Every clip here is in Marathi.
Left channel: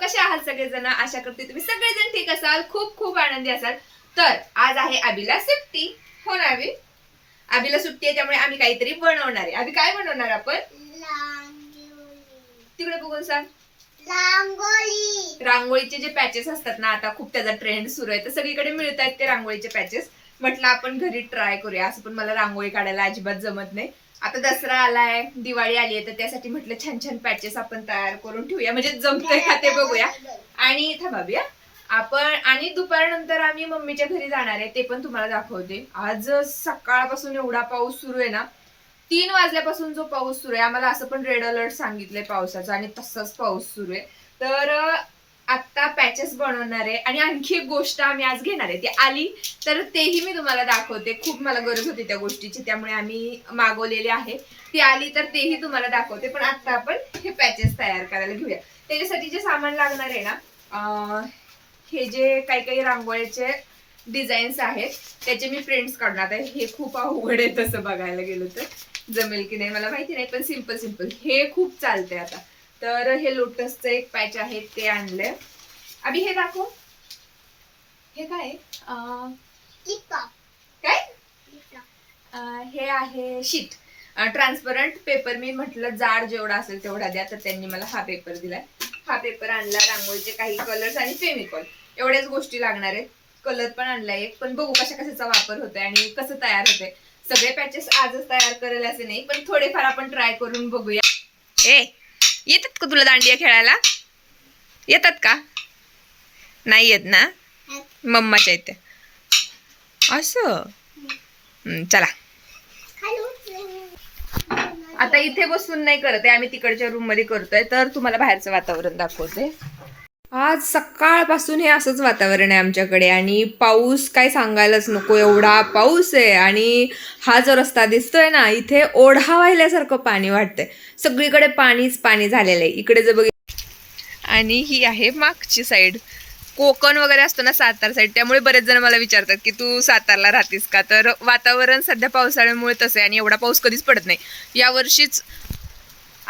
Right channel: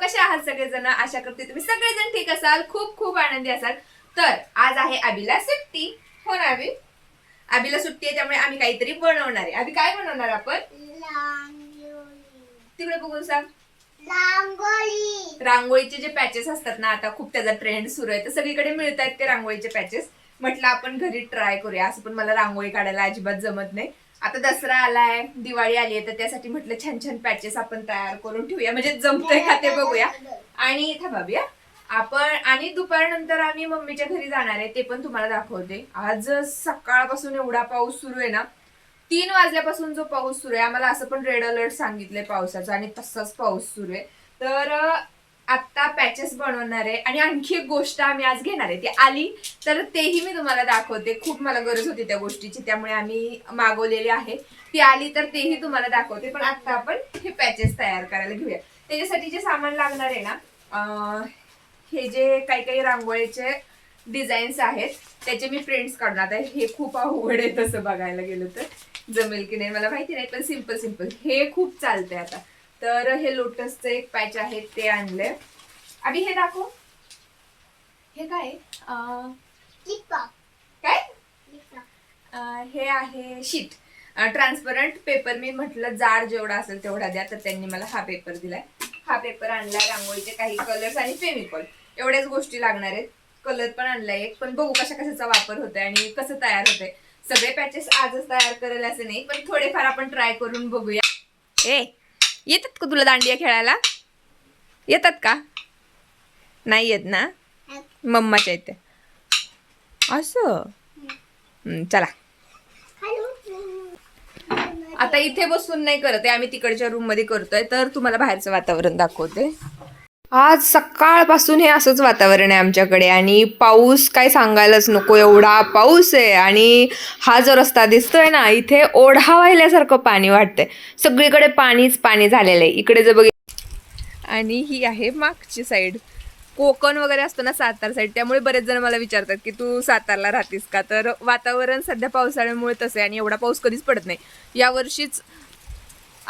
कसे आहात सगळेजण? आशा करते तुम्ही सगळेजण ठीक असाल. खूप खूप आनंदी असाल. तर आज आहे आबीला सुट्टी. हो ना आबी आबीला सुट्टी आहे त्यामुळे आम्ही काहीतरी बनवणार आहे. आबी काय बनवणार आपण? तिकडे बघून सांग. रांगोळी रांगोळीचे जे पॅचेस असतात ना आता खूप त्याचा ट्रेंड सुरू आहे. तर सगळीकडे मिळत आहेत ते रांगोळीचे पॅचेस म्हटलं आपण घरी ट्राय करूया. असं पण मला रांगोळी काढायला अजिबात जमत नाही. आता दसरा आलाय दिवाळी आली आहे तर त्यासाठी म्हटलं छान छान पॅचेस आपण तयार करून ठेवूया. म्हणजे जमतंय का ते बघूया. आणि थांबाबूया आपण आणि दुपारनंतर आम्ही मम्मीच्या घरी जाणार आहे ते पण तुम्हाला दाखवते. आज सकाळपासून एवढा पाऊस सुरू आहे ना तीन वाजल्यापासून जो पाऊस सुरू आहे आम्हाला असं पण रेड अलर्ट सांगितलंय पावसाचा आणि तसाच पाऊस सुरू आहे. तर आत्ता पॅचेस बनवणार आहे आणि आणखी एक गोष्ट आम्ही आज घेणार आहे. ती आली तर तेही मी तुम्हाला दाखवते. खूप मला गरज होती त्या गोष्टीची त्यामुळे आम्ही मागवलेली आहे. ती आली तर तेही तुम्हाला दाखवते. पण आत्ता आपण हे पॅचेस तयार करायला घेऊया. त्याच्यासाठी जे सामान लागणार आहे ना हे जे काही काही रांगोळीचे डिझाईन्स आहेत त्याचे मी प्रिंट्स काढणार आहे हे खूप अवघड आहे तसं बघायला गेलं तर. जमेल की नाही मला माहिती नाही पण सिंपल सिंपल हे खूप चालतंय आता. तर हे लोटसचं एक पॅच आहे ते आणलंय. अभि हे दाखव. हे काय आहे? अं, टिपा काय अं, हे आहे शीट. ट्रान्सपरंट पेपर मी म्हटलं जाड जेवढा असेल तेवढा द्या तर त्यांनी मला हा पेपर दिलाय. हा पेपर आणला रांगोळीचे काही कलर्स आणि फेमिकॉल एवढ्याच गोष्टी लागणार आहेत. कलर पण आणलाय एक पण बघू कशा कशाचा वापर होतोय आणि कसं तयार होतंय. सगळे पॅचेस आजच तयार करेल असे नाही पण थोडेफार आपण ट्राय करून बघूया. ए येतात का तुला दांडिया खेळायला? येतात का? नाही येत ना? मम्माच्या इथे. असं? चला. आता इथे बसून नाही करत आहे. आम्ही तिकडच्या रूममध्ये करतोय. तर तुम्हाला बाहेरचं वातावरण दाखवते. आज सकाळपासून हे असंच वातावरण आहे आमच्याकडे आणि पाऊस काय सांगायलाच नको एवढा पाऊस आहे आणि हा जो रस्ता दिसतोय ना इथे ओढा वाहिल्यासारखं पाणी वाटतंय. सगळीकडे पाणीच पाणी झालेलं आहे. इकडे जर बघितलं आणि ही आहे मागची साईड कोकण वगैरे असतो ना सातारा साईड त्यामुळे बरेच जण मला विचारतात की तू सातारला राहतेस का? तर वातावरण सध्या पावसाळ्यामुळे तसं आहे आणि एवढा पाऊस कधीच पडत नाही. यावर्षीच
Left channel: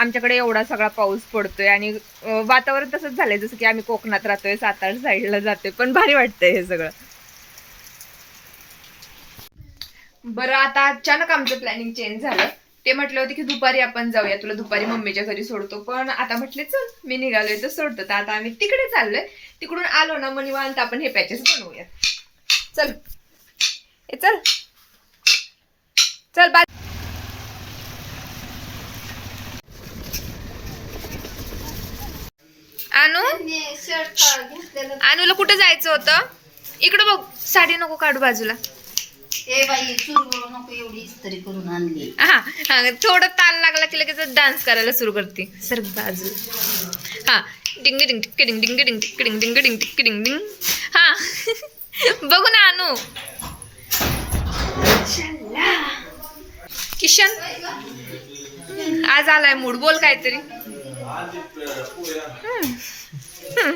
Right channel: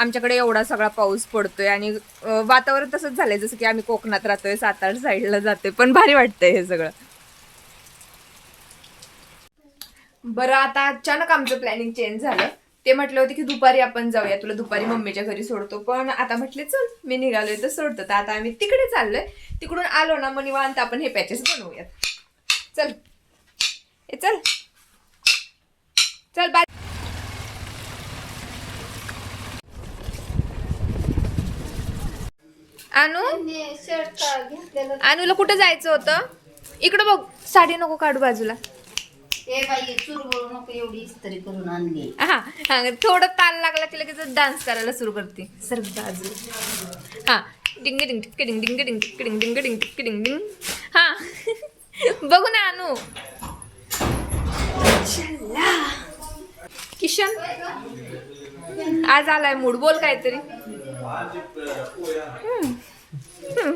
आमच्याकडे एवढा सगळा पाऊस पडतोय आणि वातावरण तसंच झालंय जसं की आम्ही कोकणात राहतोय सातारा साईडला जातोय पण भारी वाटतंय हे सगळं. बरं आता अचानक आमचं प्लॅनिंग चेंज झालं. ते म्हटलं होते की दुपारी आपण जाऊया तुला दुपारी मम्मीच्या घरी सोडतो पण आता म्हटले चल मी निघालोय तर सोडतो. तर आता आम्ही तिकडे चाललोय. तिकडून आलो ना मग निवांत आपण हे पॅचेस बनवूयात. चल. ए चल. चल बाय घेतलेलं आणूला कुठे जायचं होतं इकडं बघ साडी नको काढू बाजूला हा हा थोडं ताल लागला की लगेच डान्स करायला सुरू करते सर बाजू हा डिंग डिंग डिंग डिंग डिंग डिंग डिंग डिंग डिंग डिंग हा बघू ना चला. किशन आज आलाय मूड बोल काहीतरी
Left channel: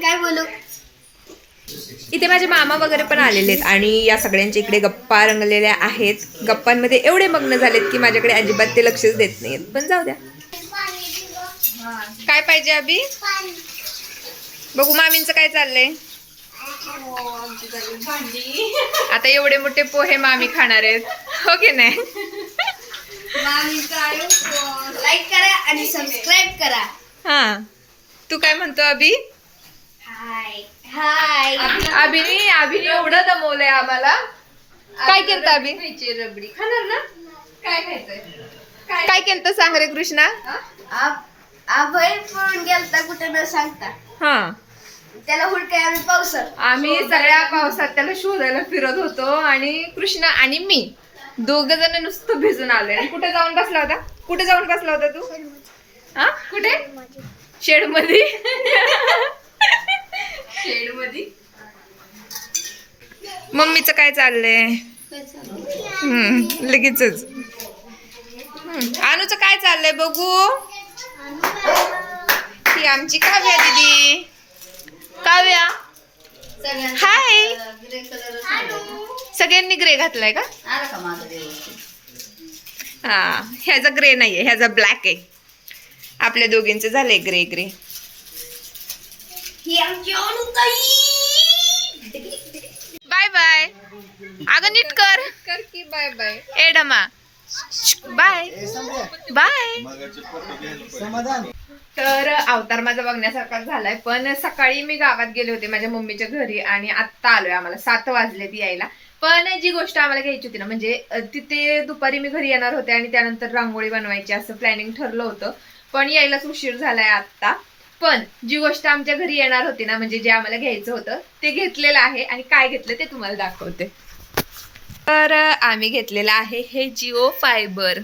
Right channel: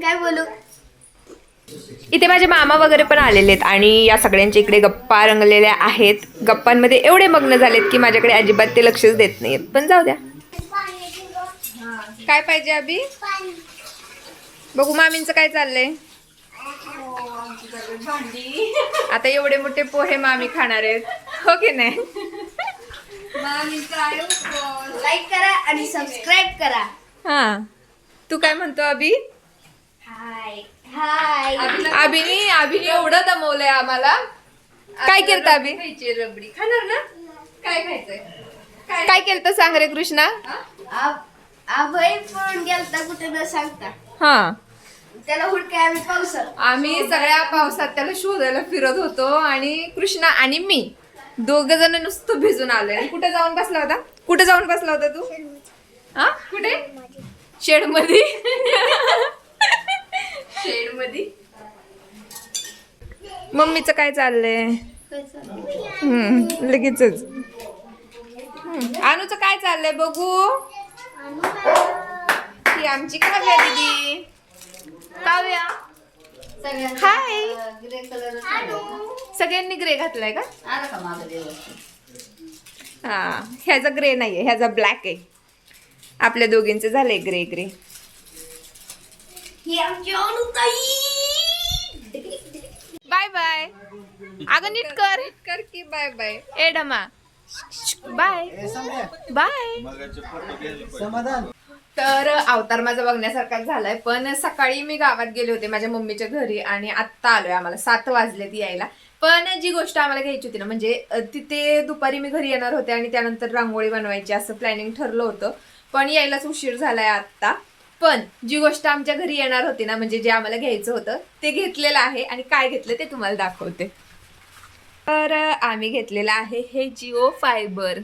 काय बोलू? इथे माझे मामा वगैरे पण आलेले आहेत आणि या सगळ्यांच्या इकडे गप्पा रंगलेल्या आहेत. गप्पांमध्ये एवढे मग्न झालेत की माझ्याकडे अजिबात ते लक्षच देत नाहीत पण जाऊ द्या. काय पाहिजे अभि? बघू मामींचं काय चाललंय. आता एवढे मोठे पोहे मामी खाणार आहेत. हो की नाही? लाईक करा आणि सबस्क्राईब करा. हा. तू काय म्हणतो अभि? हाय हाय अभिनी अभिनी एवढं दमवलंय आम्हाला. काय केलं अभि? खायची रबडी. खाणार ना? काय खायचंय? काय? केलं सांग रे कृष्णा. अभय पळून गेलता कुठे न सांगता. हा. त्याला आम्ही पावस आम्ही सगळ्या पावसात त्याला शोधायला फिरत होतो आणि कृष्णा आणि मी दोघ जण नुसतं भिजून आलोय. आणि कुठे जाऊन बसला होता? कुठे जाऊन बसला होता तू? हा? कुठे? शेडमध्ये शेडमध्ये मम्मीचं काय चाललंय? हम्म, अनुचं काय चाललंय बघू? ही आमची काव्या दीदी. काव्या. हाय. सगळ्यांनी ग्रे घातलाय का? हा ह्याचा ग्रे नाहीये ह्याचा ब्लॅक आहे. आपल्या दोघींचं झालंय ग्रे ग्रे. ही आमची अनुताई बाय बाय. अगं नीट कर. कर की बाय बाय. ए डमा. बाय. बाय. समाधान. तर अवतार माझा बघण्यासारखा झालाय पण सकाळी मी गावात गेले होते माझ्या मम्मीच्या घरी आणि आत्ता आलोय आम्हाला. सात वाजले ती यायला. पण जी गोष्ट आम्हाला घ्यायची होती ना म्हणजे तिथे दुपारी मी घरी येणार होते आणि त्यानंतर रांगोळी बनवायची असं प्लॅनिंग ठरलं होतं. पण यायलाच उशीर झालाय आत्ता. पण जी गोष्ट आमच्या घरी येणार होती ना म्हणजे जे आम्हाला घ्यायचं होतं ते घेतलेलं आहे आणि काय घेतलं ते तुम्हाला दाखवते. तर आम्ही घेतलेलं आहे हे जिओ फायबर.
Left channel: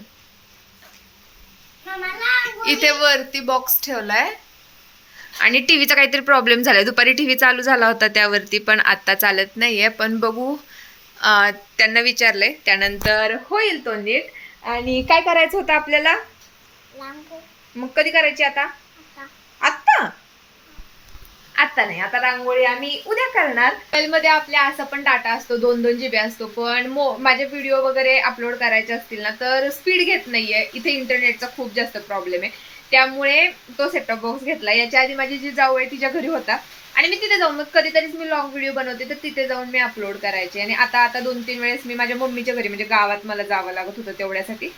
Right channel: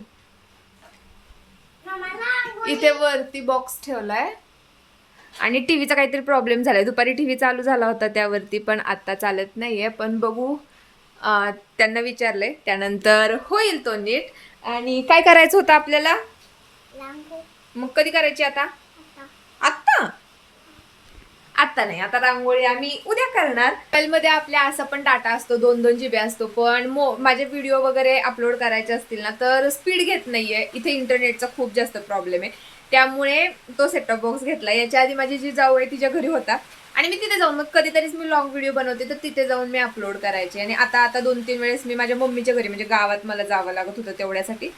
इथे वरती बॉक्स ठेवलाय. आणि टीव्हीचा काहीतरी प्रॉब्लेम झालाय. दुपारी टीव्ही चालू झाला होता त्यावरती पण आता चालत नाहीये. पण बघू त्यांना विचारलंय. त्यानंतर होईल तो नीट. आणि काय करायचं होतं आपल्याला? मग कधी करायची आता? आत्ता? आत्ता नाही आता रांगोळी आम्ही उद्या करणार. मोबाईलमध्ये आपल्या असा पण डाटा असतो दोन दोन जीबी असतो पण मो माझे व्हिडिओ वगैरे अपलोड करायचे असतील ना तर स्पीड घेत नाहीये. इथे इंटरनेटचा खूप जास्त प्रॉब्लेम आहे. त्यामुळे तो सेटअप बॉक्स घेतला. याच्या आधी माझी जी जाऊ आहे तिच्या घरी होता. आणि मी तिथे जाऊन मग कधीतरीच मी लॉंग व्हिडिओ बनवते तर तिथे जाऊन मी अपलोड करायचे. आणि आता आता दोन तीन वेळेस मी माझ्या मम्मीच्या घरी म्हणजे गावात मला जावं लागत होतं तेवढ्यासाठी.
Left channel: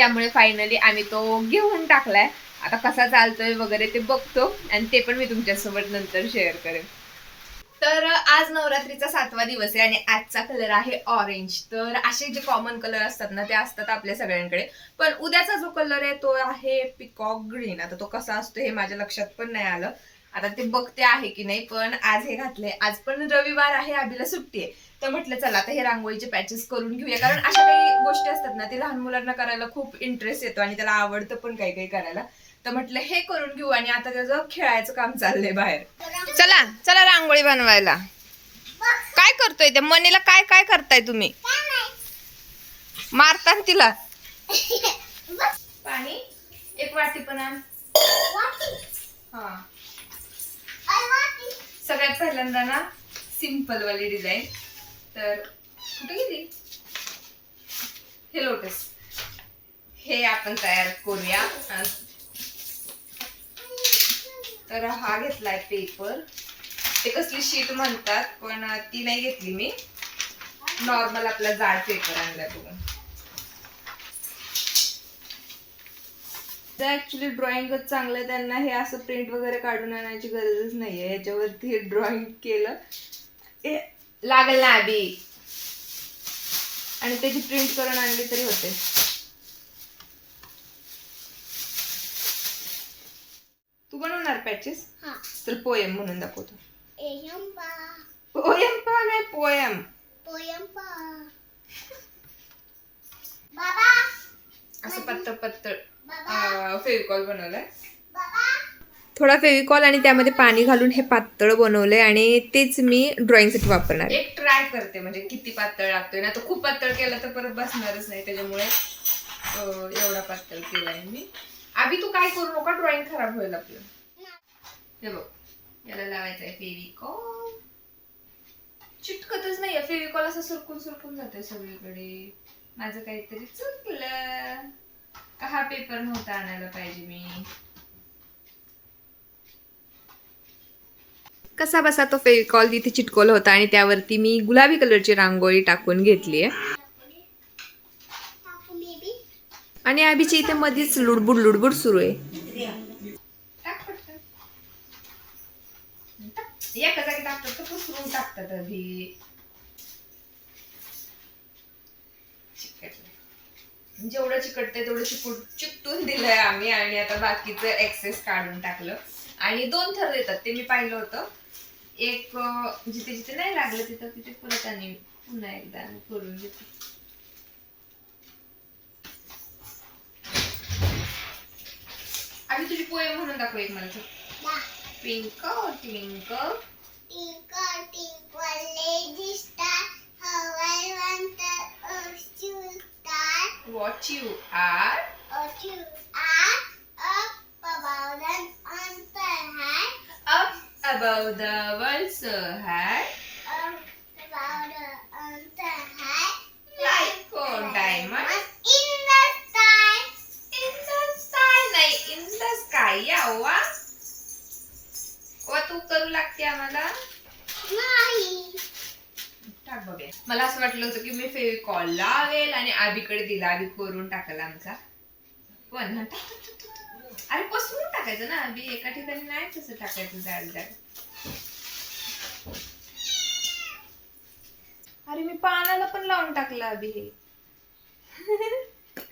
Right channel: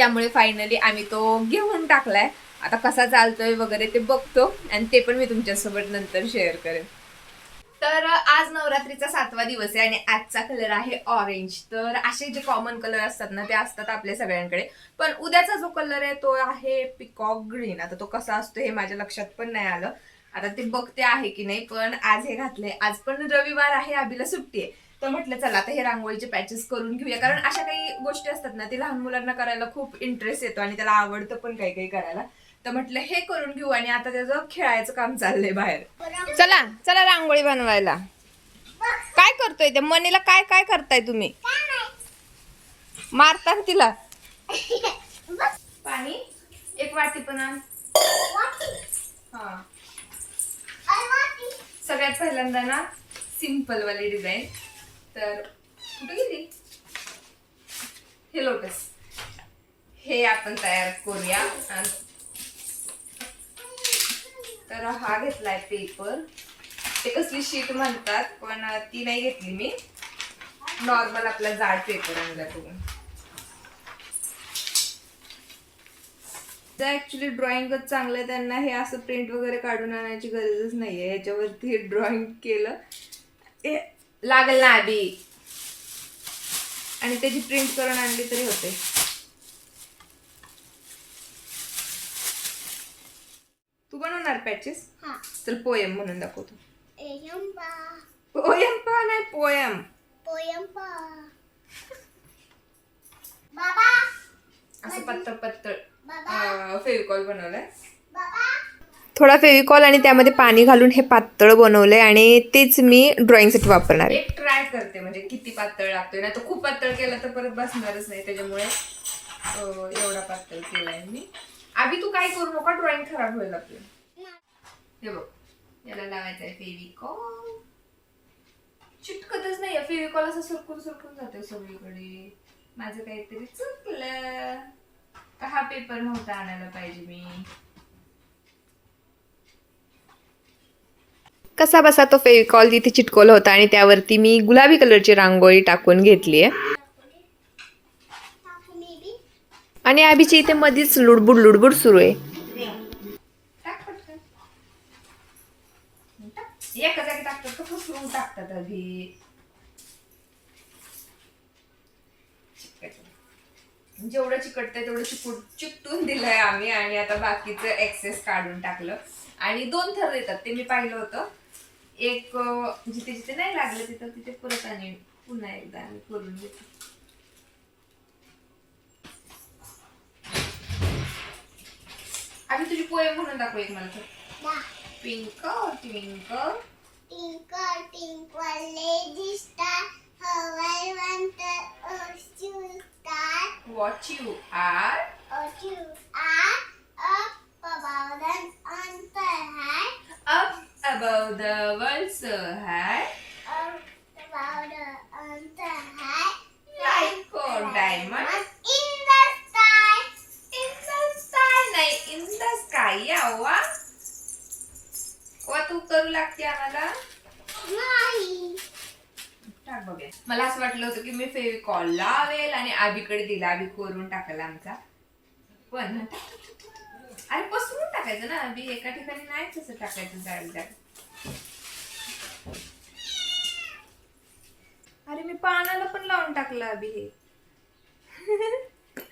त्यामुळे फायनली आम्ही तो घेऊन टाकलाय. आता कसा चालतोय वगैरे ते बघतो आणि ते पण मी तुमच्यासोबत नंतर शेअर करेन. तर आज नवरात्रीचा सातवा दिवस आहे आणि आजचा कलर आहे ऑरेंज तर असे जे कॉमन कलर असतात ना ते असतात आपल्या सगळ्यांकडे. पण उद्याचा जो कलर आहे तो आहे पिकॉक ग्रीन आता तो कसा असतो हे माझ्या लक्षात पण नाही आलं. आता ते बघते आहे की नाही पण आज हे घातले आज पण रविवार आहे आबीला सुट्टी आहे. तर म्हटलं चला आता हे रांगोळीचे पॅचेस करून घेऊया. कारण अशा काही गोष्टी असतात ना ते लहान मुलांना करायला खूप इंटरेस्ट येतो आणि त्याला आवडतं पण काही काही करायला. तर म्हटलं हे करून घेऊ आणि आता त्याचं खेळायचं काम चाललंय बाहेर. चला चला रांगोळी बनवायला. काय करतोय त्या मनीला काय काय करताय तुम्ही? मारता तिला. पाणी? एक वाटी पण आण. हा. सगळ्यात पहिल्यांदा ना सिंपल वाली डिझाईन. तर कुठे गेली? हे लोटस. हे आपण तयार करूया. तर हा घेतलाय पेपर. ते कसली शीट म्हणतात पण ती नाही घेतली मी. नॉर्मल आपला जाड पेपर आणला तो ऍक्च्युली ड्रॉइंगच चांगलं आहे. त्यांना हे असं प्रिंट वगैरे काढून आणायची गरजच नाहीये. याच्यावरती ड्रॉइंग केलं. ए, लागल ना आधी. आणि त्याची प्रिंट करून आणली तरी होते. तू बनवणार पॅचेस हा. तर पोयम म्हणून दाखवतो. पोयम पा नाही पोयम पोयंपा बाबा असं पत्तळ पत्तळ फेविकॉल बनवलंय. थोडा फेविकॉल आणि त्यामध्ये पाणी घालून हे पातळ बनवलंय आणि तेच मी ड्रॉइंगसाठी वापरणार एक ट्राय करते म्हणजे किती पातळ लागतोय. ना तर खूप पातळ केलं तर परत बसणारच नाही. त्याच्यामुळे एवढा पातळ केलाय मी. आधी तू काय करू नका ड्रॉइंग खराब होईल आपलं. हे बघ याला लावायचं आहे फेविकॉल. चिटकतच नाही फेविकॉल असं सरकून सरकून जातोय सगळीकडे. माझं काहीतरी चुकलं. का हा पेपर नव्हता आणायला पाहिजे मी? कसा बसा तो फेविकॉल तिथे चिटकवला होता आणि त्यावरती मी गुलाबी कलरची रांगोळी टाकून घेतली आहे. आणि आबीची इथे मधीच लुडबुड लुडबुड सुरू आहे. एका जागी टाकतात पसरून जेवढं चिकटतंय तेवढं चिकट चिकटून दिलंय आम्ही आणि आता बाकीचं एक्सेस काढून टाकलं. आणि दोन थर देतात ते मी पाहिलं होतं. एक जिथे जिथे नाही लागलं तिथं तिथे परत आणि पुन्हा एकदा आम्ही करून घेतो आणि तुझी पोयम म्हणून दाखव एक मला दा twinkle twinkle Twinkle, twinkle, little star, how I wonder, oh, you star, watch you are oh, you are up above and on the high, up above the world so high up above the on the high, like a diamond in the sky. in the sky नाही in the sky यावा ओ तू करू लागते आम्हाला मला असं वाटलं होतं की मी फेविकॉल लावेल आणि आबीकडे दिला आबी कोरून टाकला आमचा. पण अरे पसरून टाकायचं ना आबी एका ठिकाणी नाही तसं टाकायचं जाड जाड अरे मी पानाला पण लावून टाकलं आबी हे.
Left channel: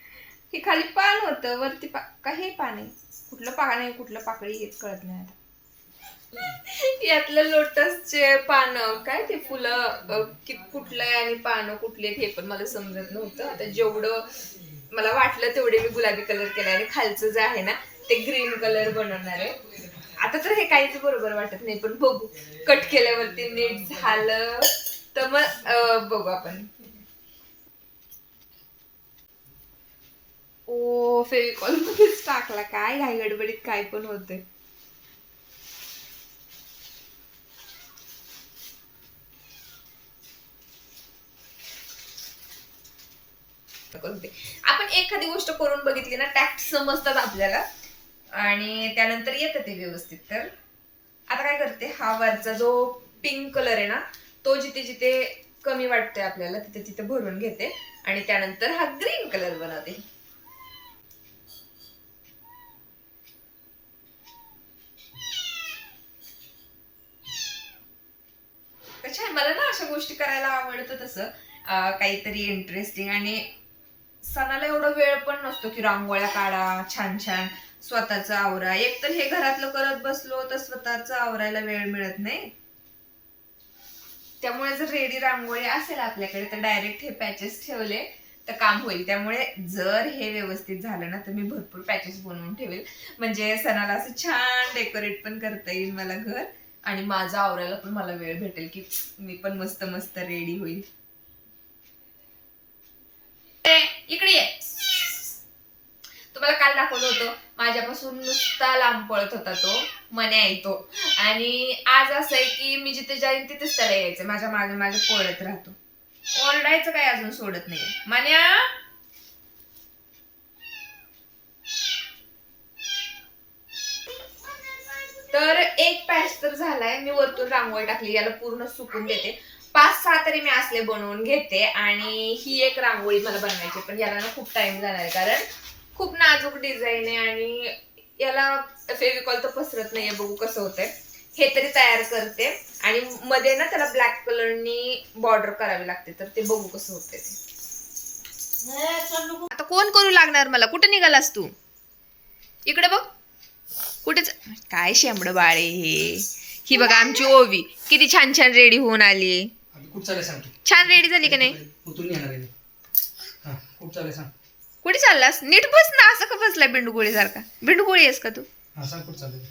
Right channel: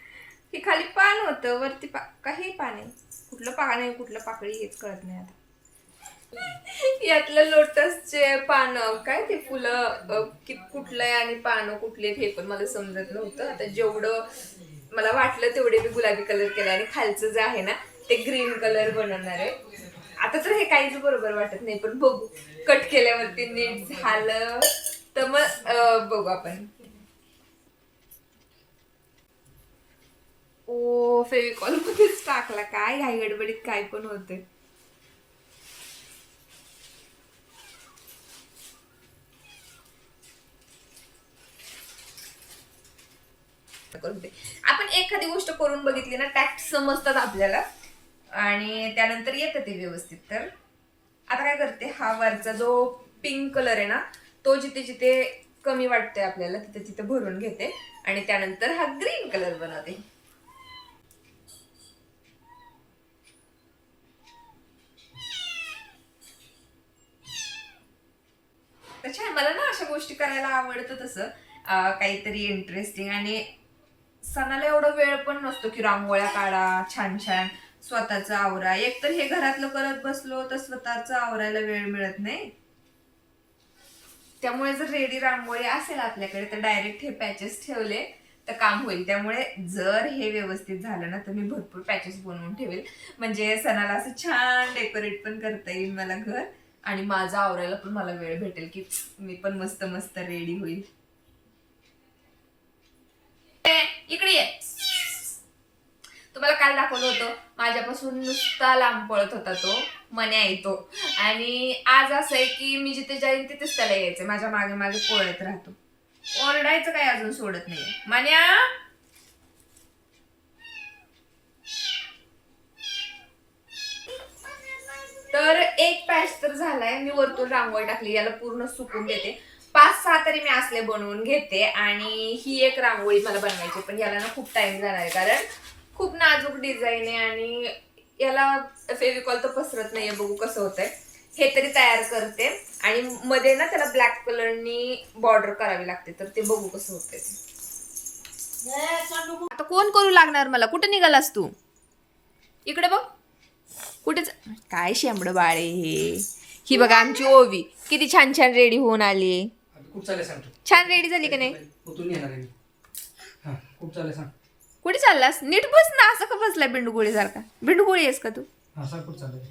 हे खाली पान होतं वरती पा काही पान आहे. कुठलं पान आहे कुठलं पाकळी हेच कळत नाही आता. यातलं लोटसचे पानं काय ते फुलं कि कुठलं आहे आणि पानं कुठले हे पण मला समजत नव्हतं. आता जेवढं मला वाटलं तेवढे मी गुलाबी कलर केला आणि खालचं जे आहे ना ते ग्रीन कलर बनवणार आहे. आता तर हे काहीच बरोबर वाटत नाही पण बघू. कट केल्यावरती नीट झालं तर मग बघू आपण. ओ फेविकॉल मध्येच टाकला. काय घाई गडबडीत काय पण होतंय. आपण एखादी गोष्ट करून बघितली ना टॅक्ट समजतात आपल्याला. आणि त्यानंतर येतं ते व्यवस्थित. तर आता काय करते हा वरचा जो पिंक कलर आहे ना तो जिथे जिथे कमी वाटतोय आपल्याला तिथे तिथे भरून घेते. आणि त्यानंतर हा ग्रीन कलर बनवते. अच्छा मला ना अशा गोष्टी करायला आवडतं तसं. काहीतरी इंटरेस्टिंग आणि सणाला एवढा वेळ पण नसतो की रांगोळ्या काढा छान छान. स्वतःचा आवरा. एक तर हे घरातलं करत बसलो तर स्वतःच आवरायला वेळ मिळत नाही. त्यामुळे जर रेडी रांगोळी असेल आपल्याकडे तर डायरेक्ट हे पॅचेस ठेवले तर काम होईल. त्यामुळे जर हे व्यवस्थित झालं ना तर मी भरपूर पॅचेस बनवून ठेवेल. म्हणजे सणाला असं छान डेकोरेट पण करता येईल मला घर. आणि माझं आवरायला पण मला वेळ भेटेल की मी पण मस्त मस्त रेडी होईल. इकडे ये. तुम्हाला काल दाखवलं होतं माझ्यापासून नुसता लांब पळत होता तो मने येतो आणि आज असं आहे की मी जिथे जाईन तिथेच त्याला यायचं माझ्या मागे मागे पळत राहतो. ओरडायचं काही अजून सोडत नाही मन्या तर एक पॅच तर झालाय मी वरतून रांगोळी टाकली याला पूर्ण सुकून देते. पाच सहा तरी मी असले बनवून घेते आणि ही एक रांगोळी मला बनवायची पण याला ना खूप टाइम जाणार आहे कारण खूप नाजूक डिझाईन आहे आणि याला फेविकॉल तर पसरत नाहीये बघू कसं होतंय. हे तरी तयार करते आणि मध्ये ना त्याला ब्लॅक कलरनी बॉर्डर करावी लागते तर ते बघू कसं होतंय ते. आता कोण करू लागणार मला? कुठे निघालास तू? इकडे बघ. कुठेच काय शेंबड बाळे हे? ही बघा आमची ओवी. किती छान छान रेडी होऊन आली. खूप चालेल छान रेडी झाली का नाही? उतरून येणार आहे मी. हा खूप चालेल सांग. कुठे चाललास? नीट बस ना असं का बसलाय बिंडुगोळी सारखा? बिंडुगोळी आहेस का तू? हा सांग कुठं चालेल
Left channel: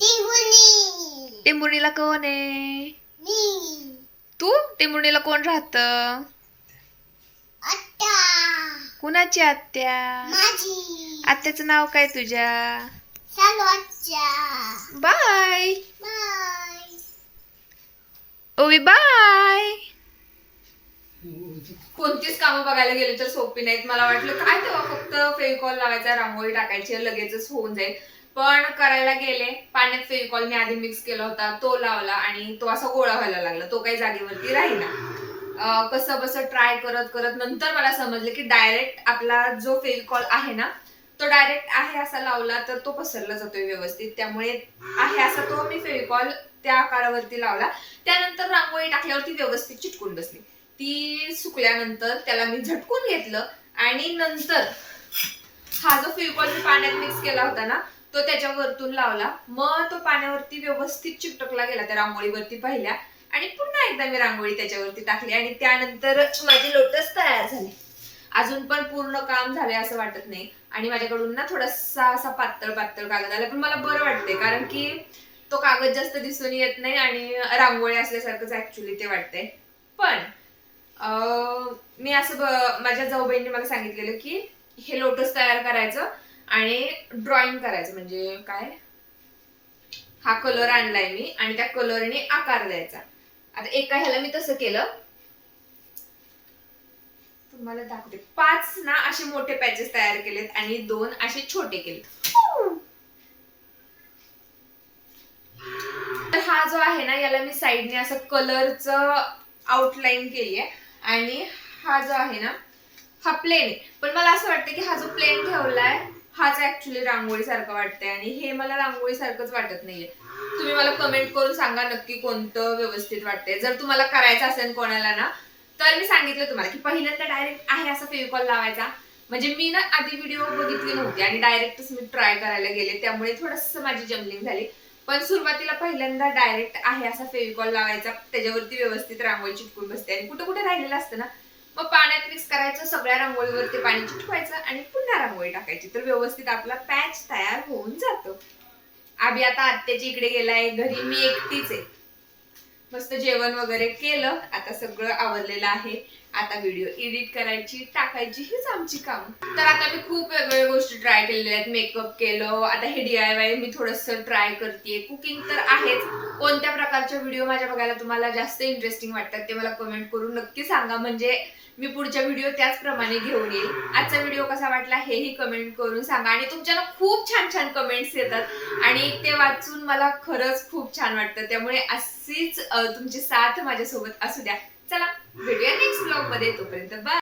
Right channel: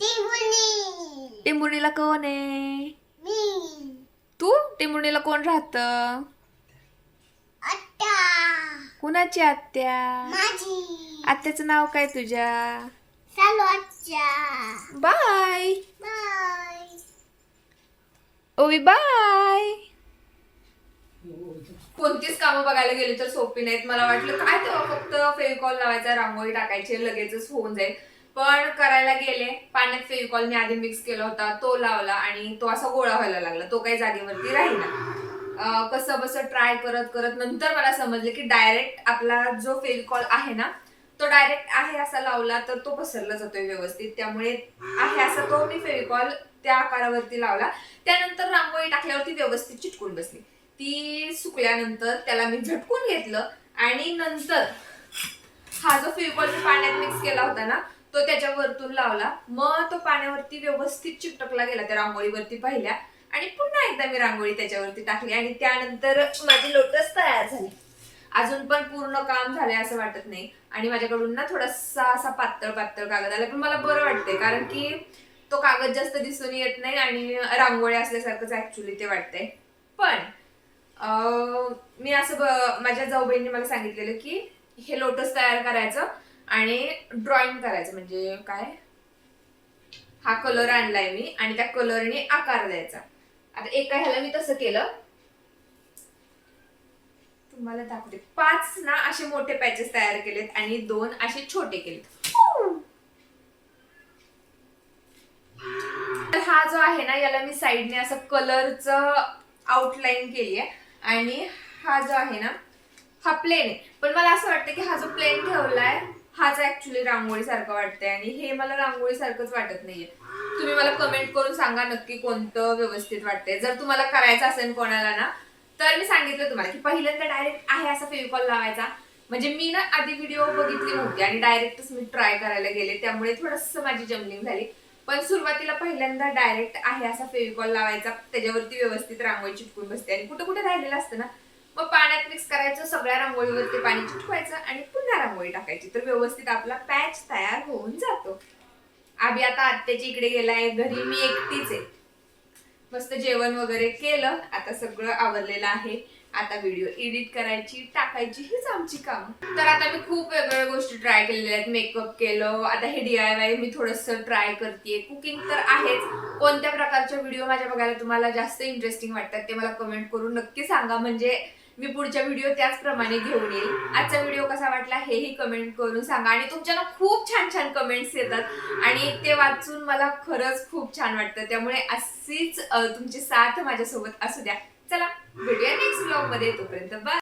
टिंगुनी टेंबुर्णीला कोण आहे? मी. तू? टेंबुर्णीला कोण राहत? आत्या. कुणाची आत्या? माझी. आत्याचं नाव काय तुझ्या? चालू आत्या. बाय. बाय. ओवी बाय. कोणतीच कामं बघायला गेले तर सोपी नाहीत. मला वाटलं काय तेव्हा फक्त फेविकॉल लावायचा रांगोळी टाकायची लगेचच होऊन जाईल. पण करायला गेले. पाण्यात फेविकॉल मी आधी मिक्स केला होता. तो लावला आणि तो असा गोळा व्हायला लागला. तो काही जागेवरती राहिला. कसं बसं ट्राय करत करत नंतर मला समजलं की डायरेक्ट आपला जो फेविकॉल आहे ना तो डायरेक्ट आहे असा लावला तर तो पसरला जातोय व्यवस्थित. त्यामुळे आहे असा तो मी फेविकॉल त्या आकारावरती लावला. त्यानंतर रांगोळी टाकल्यावरती व्यवस्थित चिटकून बसली. ती सुकल्यानंतर त्याला मी झटकून घेतलं आणि नंतर हा जो फेविकॉल मी पाण्यात मिक्स केला होता ना तो त्याच्या वरतून लावला. मग तो पाण्यावरती व्यवस्थित चिकटकला गेला त्या रांगोळीवरती पाहिल्या आणि पुन्हा एकदा मी रांगोळी त्याच्यावरती टाकली आणि त्यानंतर माझी लोटस तयार झाली. अजून पण पूर्ण काम झालंय असं वाटत नाही. आणि माझ्याकडून ना थोडासा असा पातळ पातळ कागद आला. पण मला बरं वाटतंय कारण की तो कागद जास्त दिसून येत नाही आणि रांगोळी असल्यासारखंच ऍक्च्युली ते वाटतंय. पण मी असं माझ्या जाऊबाईंनी मला सांगितलेलं की हे लोटस तयार करायचं आणि ड्रॉइंग करायचं. म्हणजे काय? हा कलर आणलाय मी आणि त्या कलरने आकार द्यायचा. आता एका ह्याला मी तसं केलं. तुम्हाला दाखवते. पाच ना असे मोठे पॅचेस तयार केलेत आणि दोन असे छोटे केलेत हा जो आहे ना याला मी साईडने असं कलरचं आउटलाईन केली आहे आणि हा जो आहे ना हा प्लेन आहे. पण मला असं वाटतं की हा जो प्लेन ठेवलाय हाच ॲक्च्युली रांगोळीसारखं वाटतंय. आणि हे मला रांगोळी सारखंच वाटत नाहीये. तुम्ही मला कमेंट करून सांगा नक्की कोणतं व्यवस्थित वाटतंय. जर तुम्हाला करायचं असेल कोणाला ना तर मी सांगितलं तुम्हाला की पहिल्यांदा डायरेक्ट आहे असा फेविकॉल लावायचा. म्हणजे मी ना आधी व्हिडिओ बघितली नव्हती आणि डायरेक्टच मी ट्राय करायला गेले. त्यामुळे थोडंसं माझी जमलिंग झाली. पण सुरुवातीला पहिल्यांदा डायरेक्ट आहे असा फेविकॉल लावायचा. त्याच्यावरती व्यवस्थित रांगोळी चिटकून बसते. आणि कुठं कुठे राहिलेलं असतं ना मग पाण्यात मिक्स करायचं सगळ्या रांगोळीवरती पाणी चिटकवायचं आणि पुन्हा रांगोळी टाकायची. तर व्यवस्थित आपला पॅच तयार होऊन जातो. आभी आता आत्याच्या इकडे गेलाय घरी मी एकटीच आहे. मस्त जेवण वगैरे केलं. आता सगळं आवरलेलं आहे. आता व्हिडिओ एडिट करायची टाकायची हीच आमची कामं. तर आता मी खूप वेगवेगळ्या गोष्टी ट्राय केलेल्या आहेत. मेकअप केलं आता हे डी आय वाय मी थोडंसं ट्राय करते कुकिंग तर आहेच. कोणत्या प्रकारचे व्हिडिओ माझ्या बघायला तुम्हाला जास्त इंटरेस्टिंग वाटतात ते मला कमेंट करून नक्की सांगा. म्हणजे मी पुढच्या व्हिडिओ त्याचप्रमाणे घेऊन येईल. आजचा व्हिडिओ कसा वाटला हेही कमेंट करून सांगा. आणि तुमच्या ना खूप छान छान कमेंट्स येतात. आणि ते वाचून मला खरंच खूप छान वाटतं. त्यामुळे अशीच तुमची साथ माझ्यासोबत असू द्या. चला भेटूया नेक्स्ट ब्लॉगमध्ये. तोपर्यंत बाय